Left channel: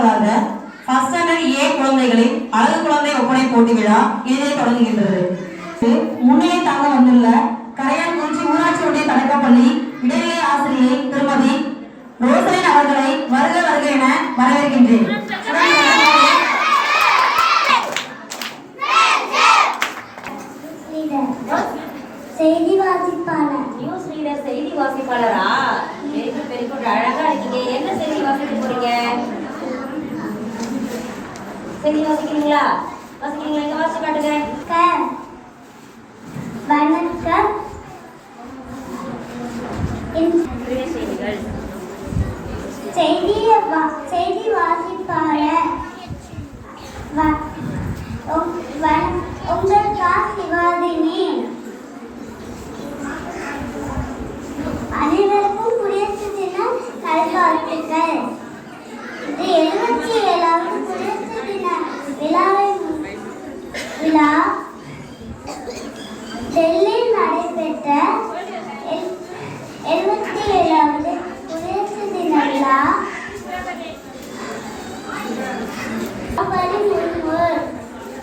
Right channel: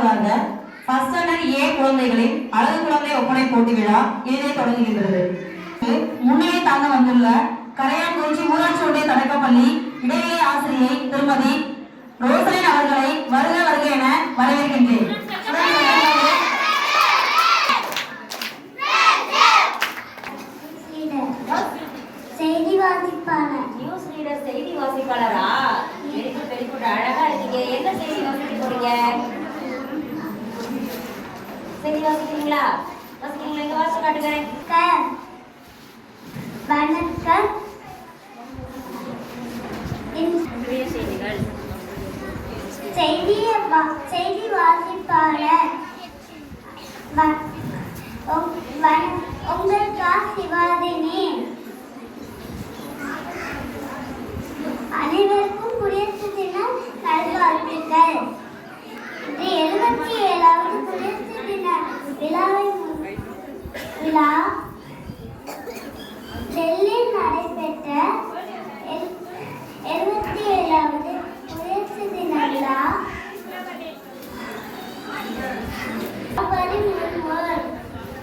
முதலாவதாக first standard ஏ குழந்தைகளின் அழகு குழந்தை ஒப்பனை போட்டி விழா இனிதே தொடங்குகின்றது. முன்னிலை தாங்க வந்துள்ள கரையான்குறிச்சி ஊராட்சி ஒன்றிய தொடக்கப்பள்ளி இடைநிலை ஆசிரியை திருமதி ரோசலின் அவர்களை வருக வருக என வரவேற்கின்றேன். செய்தி வாசிப்பாளர். நியூஸ் ரீடர், செய்தி வாசிப்பாளரா? வெரி குட், அழகா இருக்கீங்க. என்ன செய்தி வாசிக்க போறீங்க? செய்தி வாசிக்கிறீங்களா? எங்க வாசிச்சு காட்டுங்க. வணக்கம். செய்தி வாசிப்பாளர் உங்களுக்கா சிவாதினி. அனைவருக்கும் குடியரசு தின நல்வாழ்த்துக்கள். இது 77வது குடியரசு தின விழா டெல்லியில் நடைபெற்ற 77வது குடியரசு தின விழா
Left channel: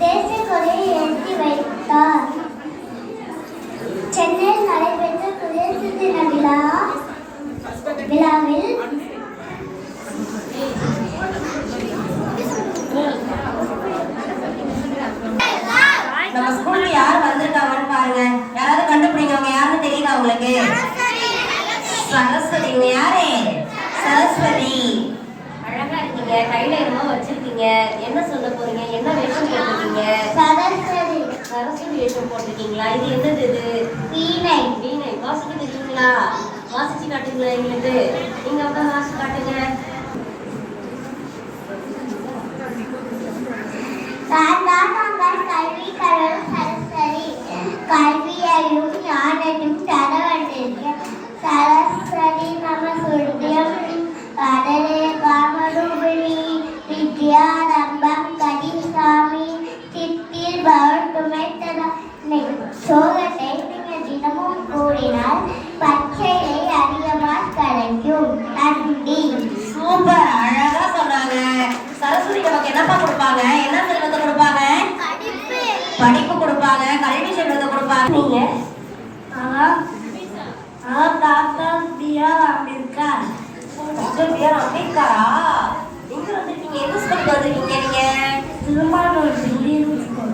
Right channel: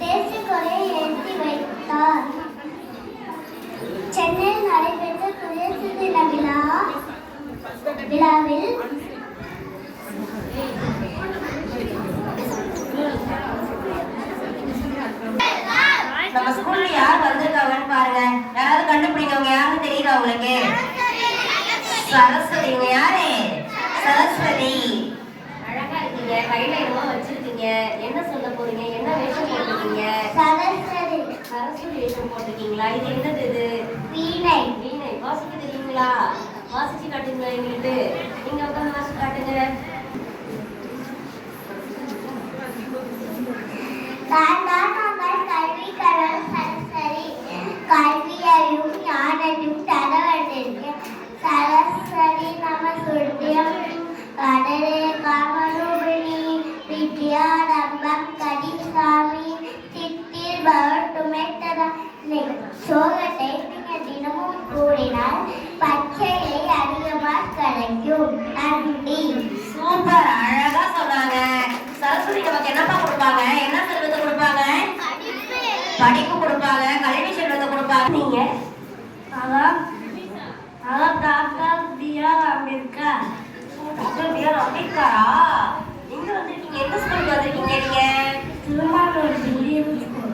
தேசிய கொடியை ஏற்றி வைத்தார். சென்னையில் நடைபெற்ற குடியரசு தின விழாவில் நம்ம ஸ்கூல்ல யார் வந்திருக்காங்கன்னு பாருங்க. யாராவது கண்டுபிடிங்க. அவங்க யாருன்னு தெரியுதா உங்களுக்கு? சரஸ்வதி. யாரு? சரஸ்வதி. அழகா இருக்கீங்க. கையில என்னமோ வச்சிருக்கீங்க. என்ன சொல்ல போறீங்க? என்ன வேஷம் போட்டிருக்கீங்க? சரஸ்வதி வேஷம் போட்டிருக்கீங்களா? இது என்னது? இது வீணை. வாசிக்க தெரியுங்களா? வாசிச்சு காட்டுங்களா எங்களுக்கு? நீங்க அப்புறம் வாசிச்சு காட்டுங்க. கல்வி கடவுள் சரஸ்வதி. கல்வியையும் ஞானத்தையும் தரவந்திருக்க சரஸ்வதி நம சுட்டியம் கடலே காமரூபிணி வித்யாரம்பம் கதிசாமி சித்தில் பவட்டுமை தரனை. சோகத்தை நீங்கள் தினமும் கூறினால் பச்சையை அதிகமாக கிடைக்கும். நன்றி. சூப்பர், அழகா சொன்னாங்க. சரஸ்வதி நமக்கு என்னப்பா கொடுப்பாங்க? என்ன செல்வத்தை கொடுப்பாங்க? படிப்பு கொடுப்பாங்க, கல்வி செல்வத்தை கொடுப்பாங்க. நீங்க டாக்டர் பிஆர் அம்பேத்கர். பிஆர் அம்பேத்கரா? எங்க வந்திருக்கீங்க? எந்த ஸ்கூலுக்கு வந்திருக்கீங்க நீங்க? Thirumanur billion school.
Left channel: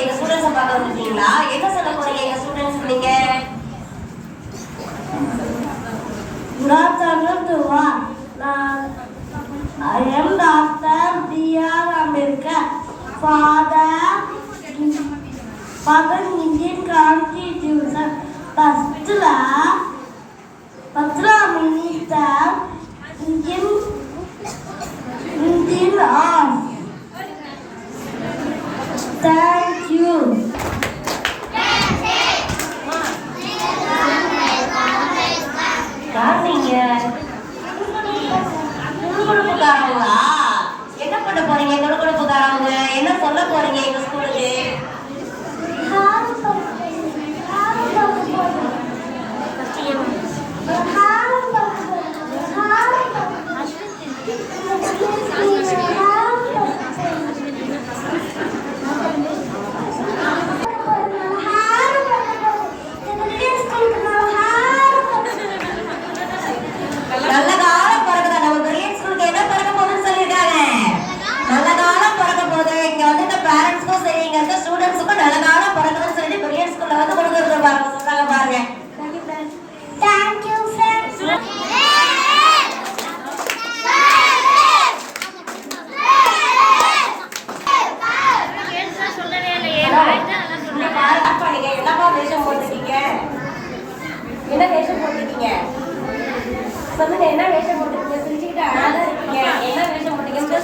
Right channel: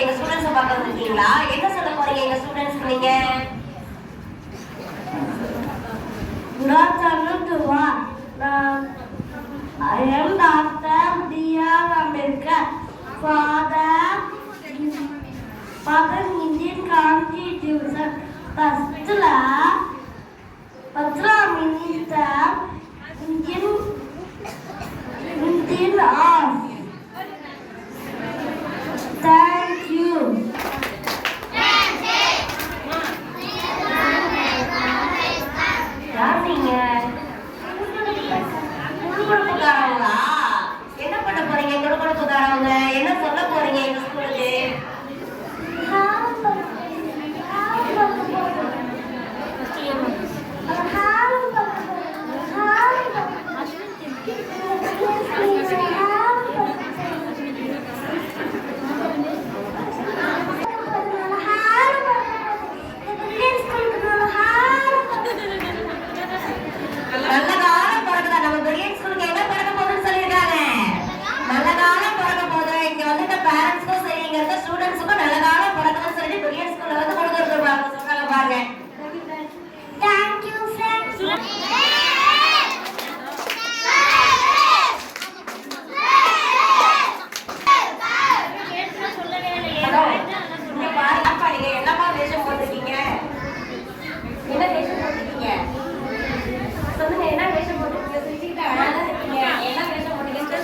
எங்க ஸ்டூடெண்ட்ஸை பார்க்க வந்திருக்கீங்களா? என்ன சொல்ல போறீங்க எங்க ஸ்டூடெண்ட்ஸ்க்கு நீங்க? I am Dr. B.R. Ambedkar, father Indian Constitution, first minister Indian of. Thank you. என்ன பண்ண போறீங்க? கொடுக்கறதுக்காரவங்க என்ன சொல்ல போறீங்க எங்க ஸ்கூலுக்கு? நல்ல காலம் பிறகுதான். நம்ம பிரில்லியன் ஸ்கூலுக்கு என்ன பிறக்க போகுதுன்னு சொல்லியிருக்காங்க. நல்ல காலம் பிறக்க போகுது. இங்க வந்து பேரண்ட்ஸ்க்கும் சரி, இங்க இருக்க ஸ்டூடெண்ட்ஸுக்கும் நல்ல காலம் பிறக்குதுன்னு சொல்லிட்டு பிரில்லியன் ஸ்கூல்ல வந்து கொடுக்குறது பாருங்க, சொன்னாங்க பாருங்க. Thank you, friends. என்னமா வேஷம் போட்டிருக்கீங்க? என்ன வேஷம் போட்டிருக்கீங்க? சொல்லுங்க, என்ன வேஷம் போட்டிருக்கீங்க? சிரிச்சுக்கிட்டு அழகா இருக்கீங்க. என்ன வேஷம் போட்டிருக்கீங்க?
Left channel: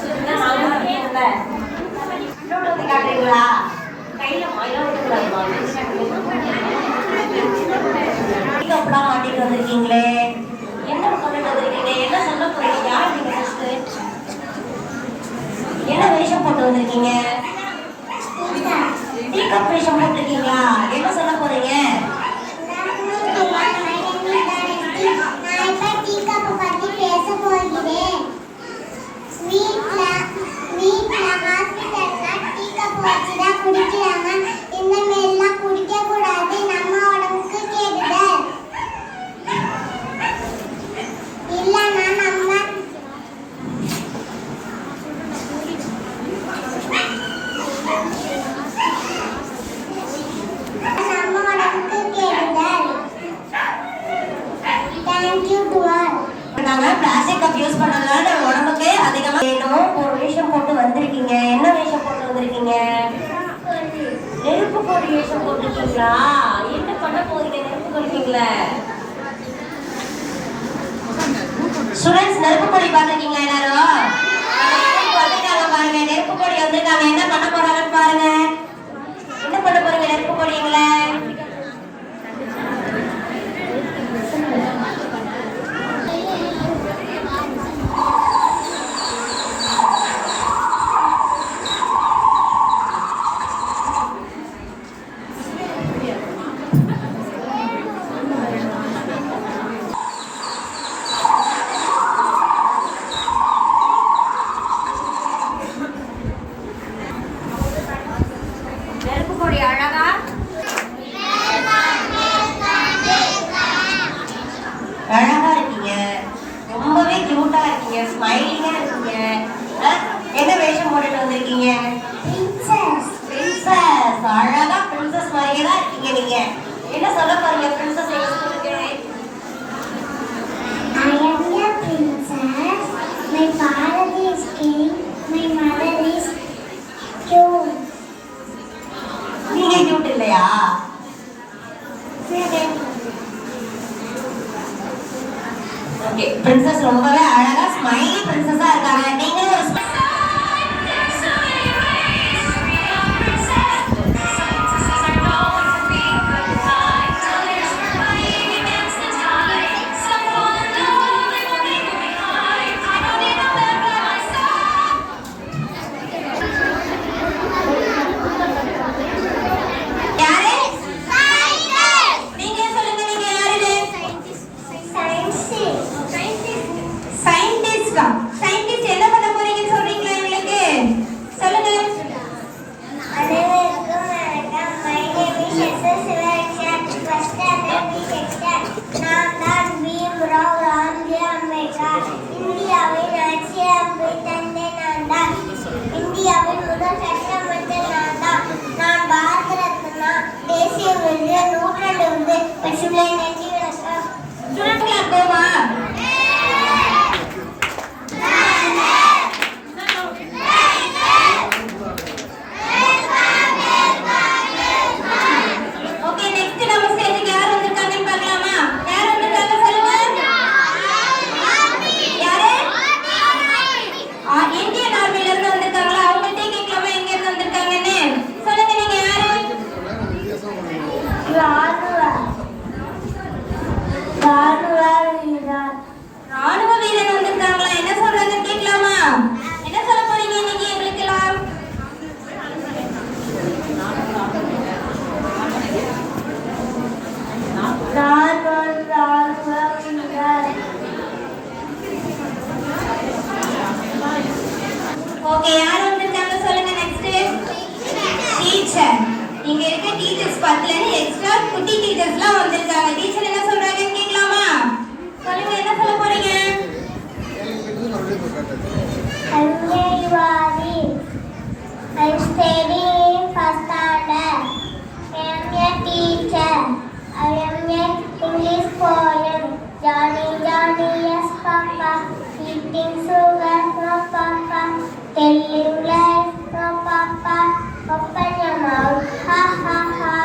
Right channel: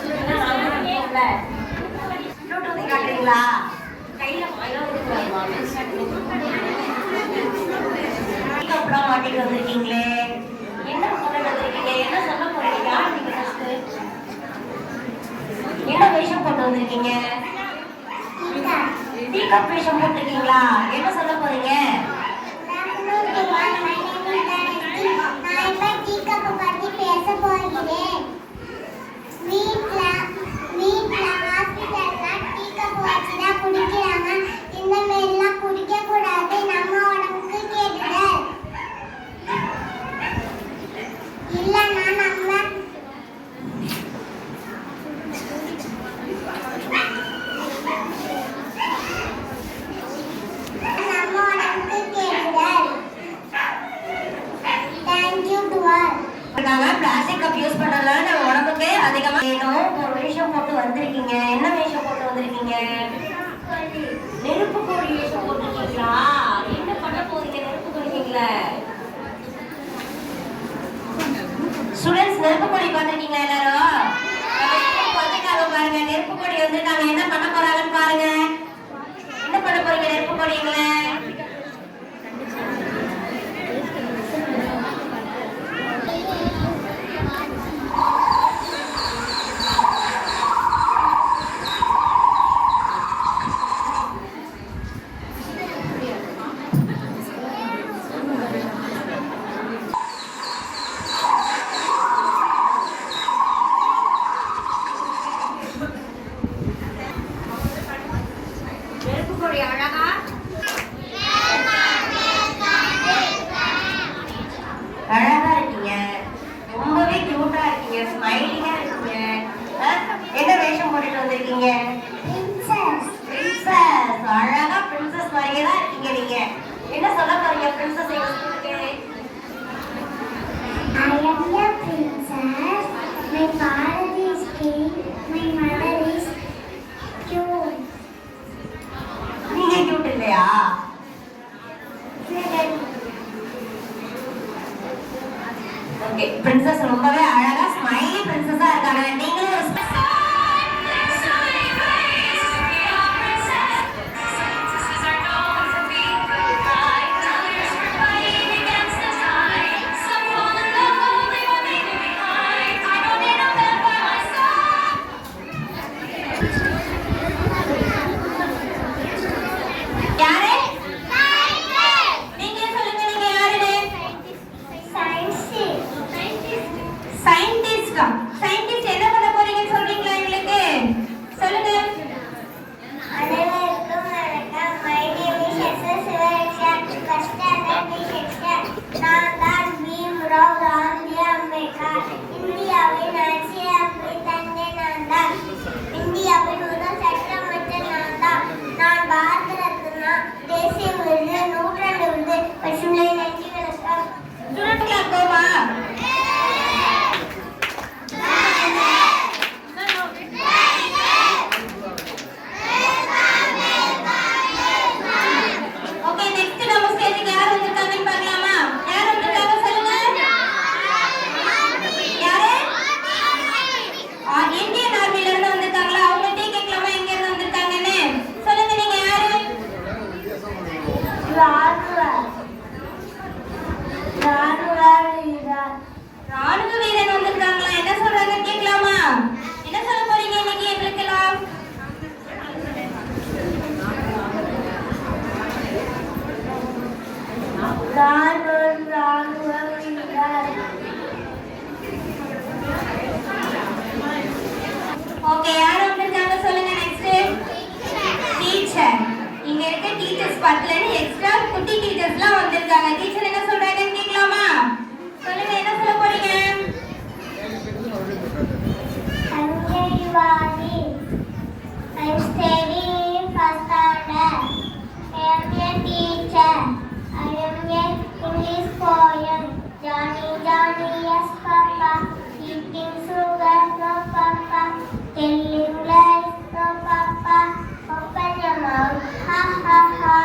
காட்டுறீங்களா? கையில அப்புறம் மாட்டிட்டு வந்திருக்கீங்களே. என்ன சொல்லிட்டு வந்திருக்கீங்க? என்ன சொல்ல போறீங்க? யார் நீங்க? என்ன வேஷம் போட்டு வந்திருக்கீங்க? டீகப் வேஷம் போட்டிருக்கீங்களா? என்ன சொல்ல போறீங்க? நான் இப்ப டீகப் பத்தி பேச போகிறேன். இங்கிலீஷ்ல. ஸ்டூடண்ட்ஸ், நெருப்பு கொடி பார்த்துருக்கீங்களா எல்லாரும்? வந்துட்டாங்க பாருங்க, நெருப்பு கொடி வந்துட்டாங்க. என்ன பண்ண போறாங்கன்னு பாருங்க. என்ன பண்ண போறீங்க நெருப்பு கொடிங்கள? நெருப்பு கொடி அழகா அழகா இருக்கீங்க, ரொம்பவே கியூட்டா இருக்கீங்க, ஸ்மைலிங்கா இருக்கீங்க. என்ன வேஷம் போட்டுட்டு வந்திருக்கீங்க? Princess. பிரின்சஸ். அழகா பிரின்சஸ் மாதிரியே தான் இருக்கீங்க நீங்க. என்ன சொல்ல போறீங்க பிரின்சஸ் எங்க ஸ்கூலுக்கு? I am a princess. My father is king. My mother is cute. நீங்க கியூட் இல்லையா? ஓகே, பிரின்சஸ் ரொம்பவே அழகா ஸ்மைலி பிரின்சஸா இருக்காங்க. நீங்களும் ஒரு யாரு? நீங்க சொல்லுங்க, நீங்க யாரு? சயின்டிஸ்டா? சயின்டிஸ்ட் என்ன பண்ண போறீங்கன்னு சொல்றீங்களா எங்களுக்கு? சொல்லுங்க. அனைவருக்கும் வணக்கம். My name is SS Sivakshan. First standard B section. நான் தான் பீம்ராவ் ராம்ஜி அம்பேத்கர். இந்தியாவின் ஆட்சியமைப்பை தந்தை நான் தான். இந்தியாவின் முதல் சட்டமன்ற நான் தான். நான் பாரத ரத்னா, தேசிய விருது, நூற்றாண்டு விருது பெற்றுள்ளேன். நன்றி வணக்கம். ஸ்டூடெண்ட்களா போமா? ஓகே, நெக்ஸ்ட் நம்ம ஸ்டேஜுக்கு யார் வந்திருக்காங்கன்னு பார்க்கலாமா? யார் வந்திருக்காங்க சொல்லுங்க. யாரு? இந்தியன் ஆர்மில இருந்து வந்திருக்காங்களா? அவங்க டீ கேட்கலாமா எங்க இருந்து வந்திருக்காங்கன்னு? சொல்லுங்க, நீங்க யாரு? ராணுவ வீரன் வந்திருக்காங்களா? என்ன சொல்றாங்க கேட்கலாமா? என்ன சொல்ல போறீங்க இன்னைக்கு எங்களுக்கெல்லாம்? ஓகே, யார் வந்திருக்காங்க சொல்லுங்க. Next teacher. இங்க இருக்க டீச்சர்ஸ் 10ல இருந்து எக்ஸ்ட்ரா குட்டி டீச்சர்ஸ்லாம் வந்திருக்காங்க. டீச்சர் என்ன சொல்றாங்கன்னு கேட்கலாமா? சொல்லுங்க, என்ன சொல்ல போறீங்க? Sanjayvadi. I'm studying first standard. I am a teacher. I am a English poem. Johnny, Johnny, yes, Papa. Eating sugar, no, Papa. Telling lies, no, Papa. Open your mouth, ha, ha, ha.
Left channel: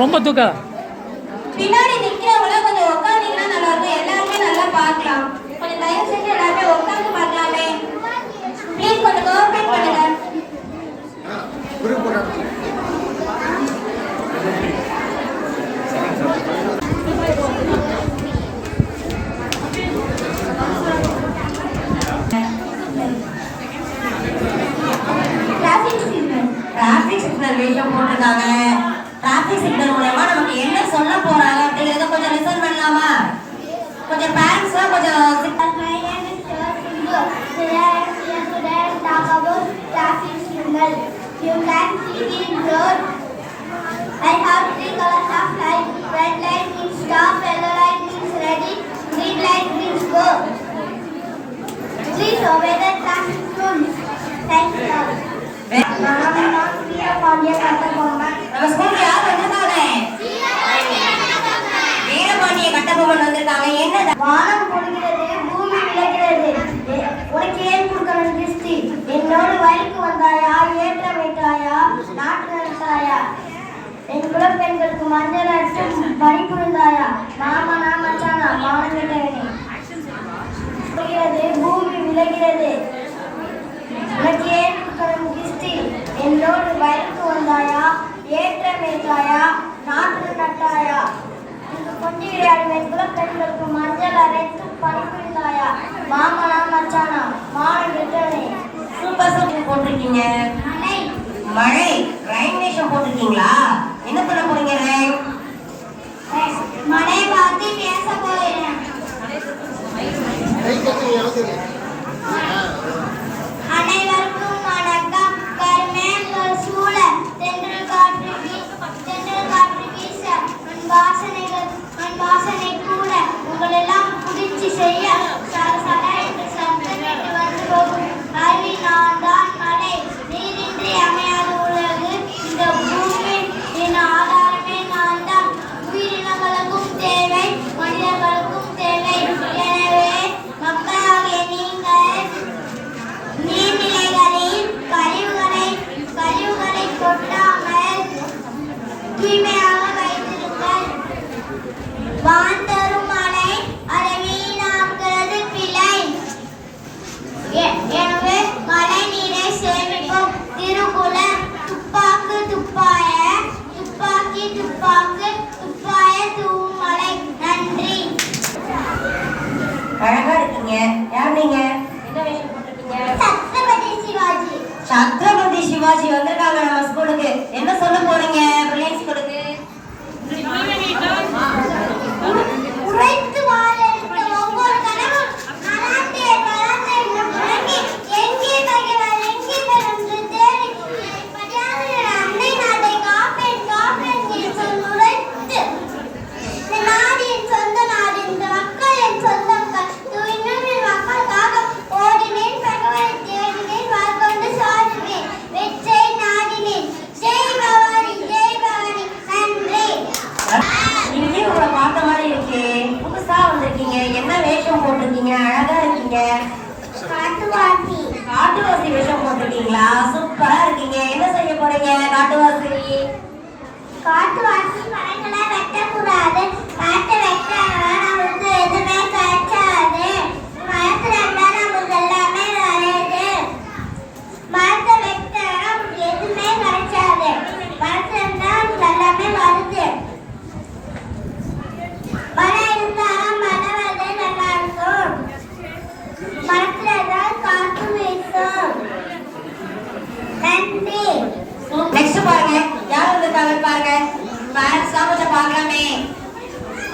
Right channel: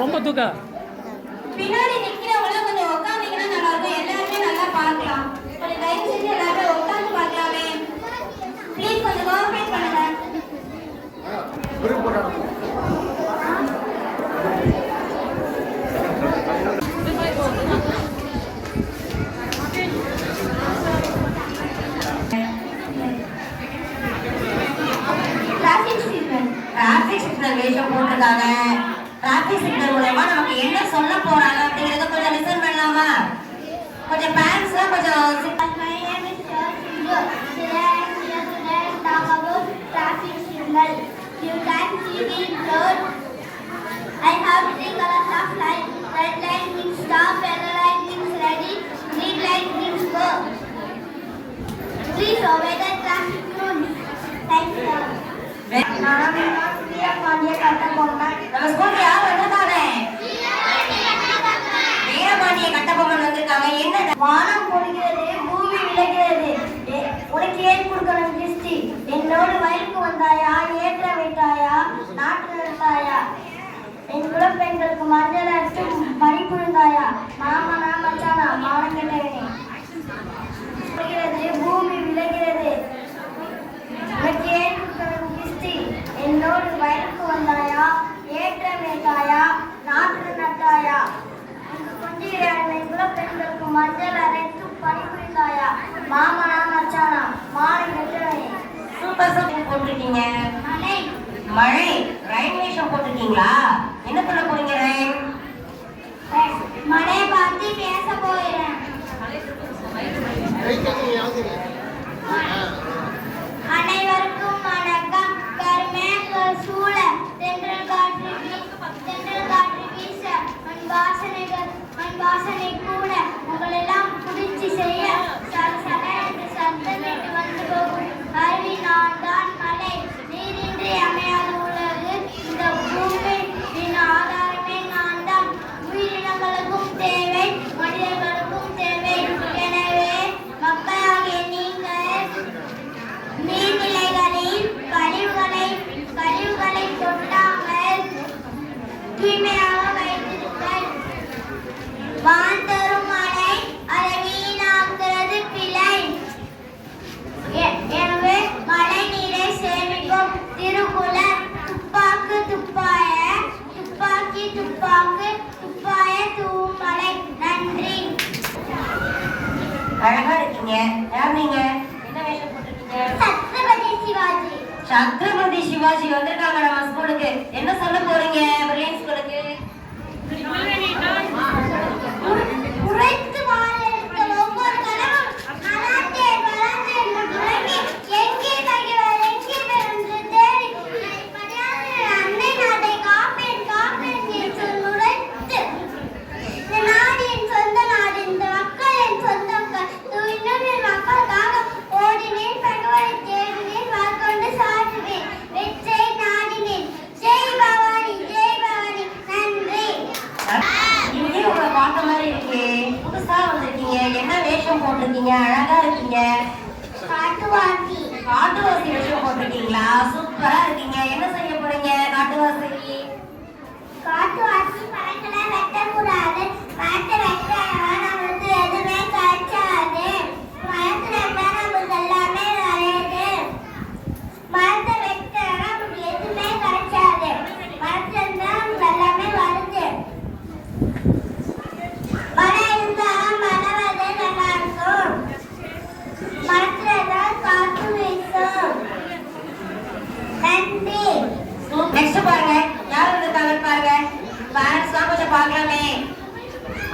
ரொம்ப தூக்கா. பின்னாடி நிக்கிறவங்க கொஞ்சம் உட்கார்ந்தீங்கன்னா நல்லா இருக்கும். எல்லாருமே நல்லா பார்க்கலாம். கொஞ்சம் தயவு செஞ்சு எல்லாருமே உட்கார்ந்து பார்க்கலாமே. ப்ளீஸ் கொஞ்சம் கோஆபரேட் பண்ணுங்க. டிராஃபிக் சிக்னல் வேஷம் போட்டிருக்காங்க. டிராஃபிக் சிக்னல் மூலமா நமக்கு என்ன சொல்ல போறாங்க அப்படிங்கறத கொஞ்சம் லிசன் பண்ணலாமா? கொஞ்சம் பேரண்ட்ஸ் கொஞ்சம் My name is Sindhu. Today I am here to talk about traffic signal. You can see the road. I have 3 colors of light. Red light means stop, yellow light means ready, green light means go. Please obey the traffic rules. Thank you. நம்ம ஸ்கூல்ல யார் வந்திருக்காங்க? வீரபாண்டிய கட்டபொம்மன் வந்திருக்காங்க. என்ன வானம் பொழிகிறது, பூமி விளைகிறது. உனக்கு ஏன் கொடுக்கணும் கிறிஸ்தி? என்னோடு வயலுக்கு வந்தாயா, ஏற்ற வைத்தாயா, நாட்டு நடத்தாயா? என் குலப்பெண்களுக்கு மஞ்சள் அடித்து பணி புரிந்தாயா? நாம மச்சானா மானம் கட்டவனே. பொழிகிறது, பூமி விளைகிறது. உனக்கு ஏன் கொடுக்கணும் கிறிஸ்தி? என்னோடு வயலுக்கு வந்தாயா, ஏற்ற வைத்தாயா, நாட்டு நட்டாயா? கொஞ்சம் என் குலப்பெண்களுக்கு மஞ்சள் அரைத்து பணிபுரிந்தாயா? மாமனா மச்சானா மானம் கெட்டவனே. சூப்பர் சூப்பர் போட்டிருக்கீங்க. மழை ரைன் வேஷம் போட்டிருக்கீங்களா? என்ன பண்ண போறீங்க ரைன்? மழையை பார்த்து பேச போகிறேன். அனைவருக்கும் வணக்கம். கருமேகங்கள் சூழ தென்றல் காற்று வீச என் வாசனை கூட உங்களெல்லாம் புடிச்சு செய்ய சட என்று சத்தம் கேட்டு வந்து போகும் கல்வி நான் தான் மழை. நீரின்றி அமையாத உலகு இந்த பூமி என் ஆதாரமே நான் தான். உயிரினங்களுக்கும் தேவை, மனிதர்களுக்கும் தேவை. எனவே மக்களாகிய நீங்கள் நீர்நிலைகளில் கழிவுகளை கொட்டாமல் தூய்மையாக வைத்திருங்கள். வான் தரும் மழை அதை வீணாக்குறது பிழை. எனவே மழை நீரை சேமிப்போம். திருக்குறள் துப்பாக்கு துப்பாய துப்பாக்கி துப்பாக்கு துப்பாய தூவும் மழை. நன்றி. அழகா இருக்கீங்க. யார் நீங்க? என்ன வேஷம் போட்டிருக்கீங்க? சத்ரபதி சிவாஜி. சத்ரபதி சிவாஜி வந்திருக்காங்க நம்ம ஸ்கூலுக்கு. என்ன சொல்ல போறீங்க பிரில்லியன்ட் ஸ்கூலுக்கு? உழைத்து வாழ எடுத்த ஒவ்வொரு கணமும் நலாண்டே வளர்ந்தே முழங்கி எங்கே பகைவர் எங்கே பெருந்து தேடி படியாத அன்னை நாட்டை காப்பேன் என்று உழைத்து இந்த நாடு என் சொந்த நாடு, இந்த மக்கள் என் சொந்த மக்கள். இன்னும் மக்களுக்காக ஓடினேன், தகவலை தேடினேன், வாழ்க்கொண்டு சாதினேன், வெற்றை நாடினேன். ஜெய் பவானி ஜெய் பவானி. நன்றி. இங்கே உங்களை பார்த்த மாதிரி இருக்கு. புதுசா வந்திருக்கீங்க. என்ன வேஷம் போட்டிருக்கீங்க? அழகா இருக்கீங்க. காட்டுவாசி. காட்டுவாசி வேஷம் போட்டிருக்கீங்களா? சூப்பரா இருக்கீங்க. என்ன செய்ய போறீங்க காட்டுவாசி? காட்டுவாசி மரங்களை வெட்டக்கூடாது. மரத்தை வெட்டாங்கன்னா நம்மளுக்கு எதுவுமே கிடைக்காது. மரத்தை வெட்டா நம்மளுக்கு எல்லாமே வராது. மரத்தை வெட்டா நமக்கு எதுவுமே கிடைக்காது. மரத்துல இருந்தா நமக்கு எல்லாமே வருது. மரம் இருந்தா மனவது நல்லா இருக்கும். மரத்துல இருந்தா காற்று வீசும். நன்றி. நெக்ஸ்ட் பாருங்க யார் வந்திருக்காங்க பாருங்க. பேரண்ட்ஸ்லாம் கொஞ்சம் பார்க்கலாமே.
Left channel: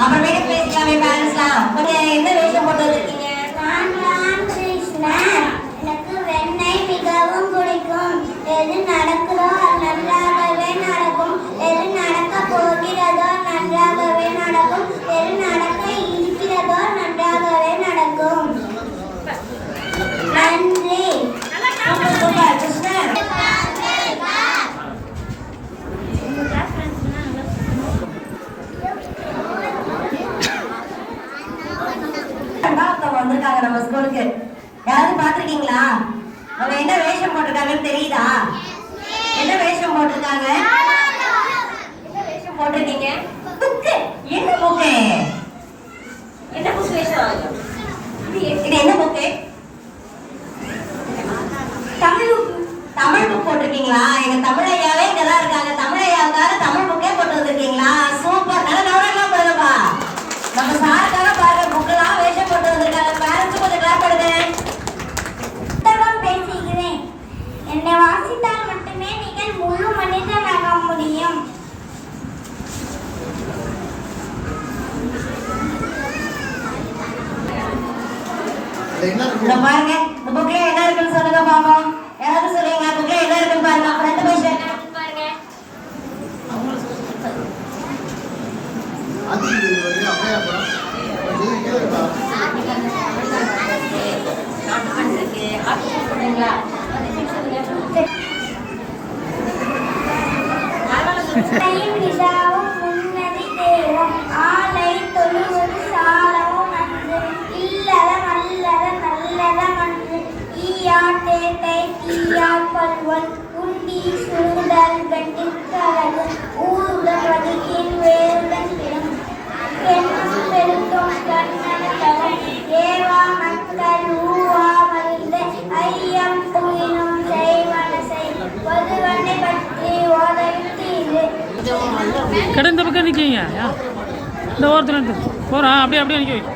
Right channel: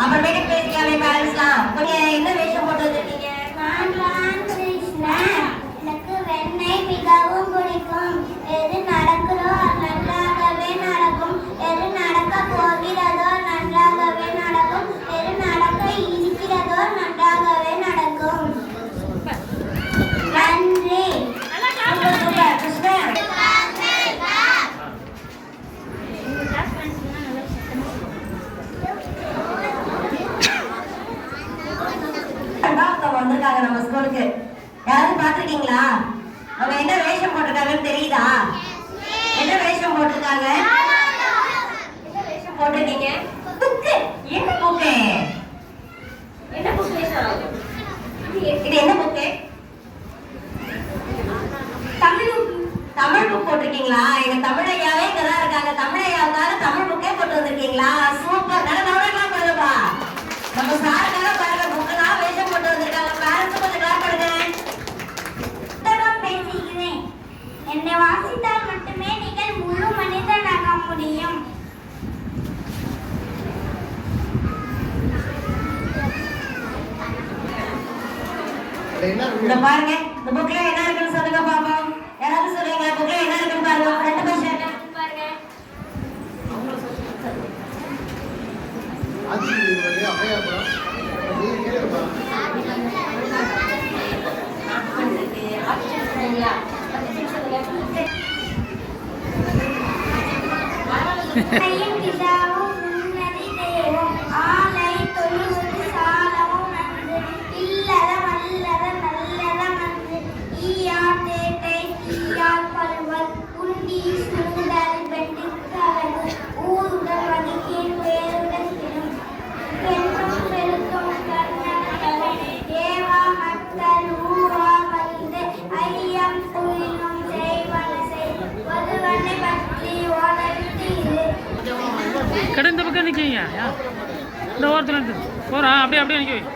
அப்புறமேட்டு பேசிக்கலாமே பேரண்ட்ஸ்லாம். கொஞ்சம் என்ன வேஷம் போட்டு வந்திருக்கீங்க? நான் ராமகிருஷ்ணன். எனக்கு வெண்ணெய் மிகவும் பிடிக்கும். எது நடக்குதோ அது நன்றாகவே நடக்கும். எது நடக்க போகிறதோ நன்றாகவே நடக்கும். எது நடக்க இருக்கிறதோ நன்றாகவே நடக்கும். நன்றி. Super super Krishnan. இத பாருங்க இந்த புக்ல என்ன இருக்குன்னு சொல்லுங்க பாப்போம். யாராவது சொல்லுங்க புக்ல என்ன இருக்குன்னு பாருங்க. ஃப்ரண்ட் பேஜ்ல என்ன இருக்குன்னு பாருங்க. ஐயம் பிதாவும் முன்னதி தேவம் ஆலை தொழுவது சாலவும் நன்று இல்லறம் அல்லறம் நல்லறம் அன்று ஈயாட்டே கை தீயால் பல்வல் உண்டி சுருடல் வெட்டுக்கலகு ஊருடன் வடிக்கின் வேருடன் கிடும் பெண்ணும் பெருக்கும் கண்ணன் ஏவா மக்கள் ஊவா மல்த ஐயம் புயினும் செய்வனசை பொதுவனை பற்றி ஓதையிட்டு கடை இந்த பக்கம் நிற்கிங்க இந்த ஓரத்தில் போகிறா அப்படியே அப்படியே நிற்க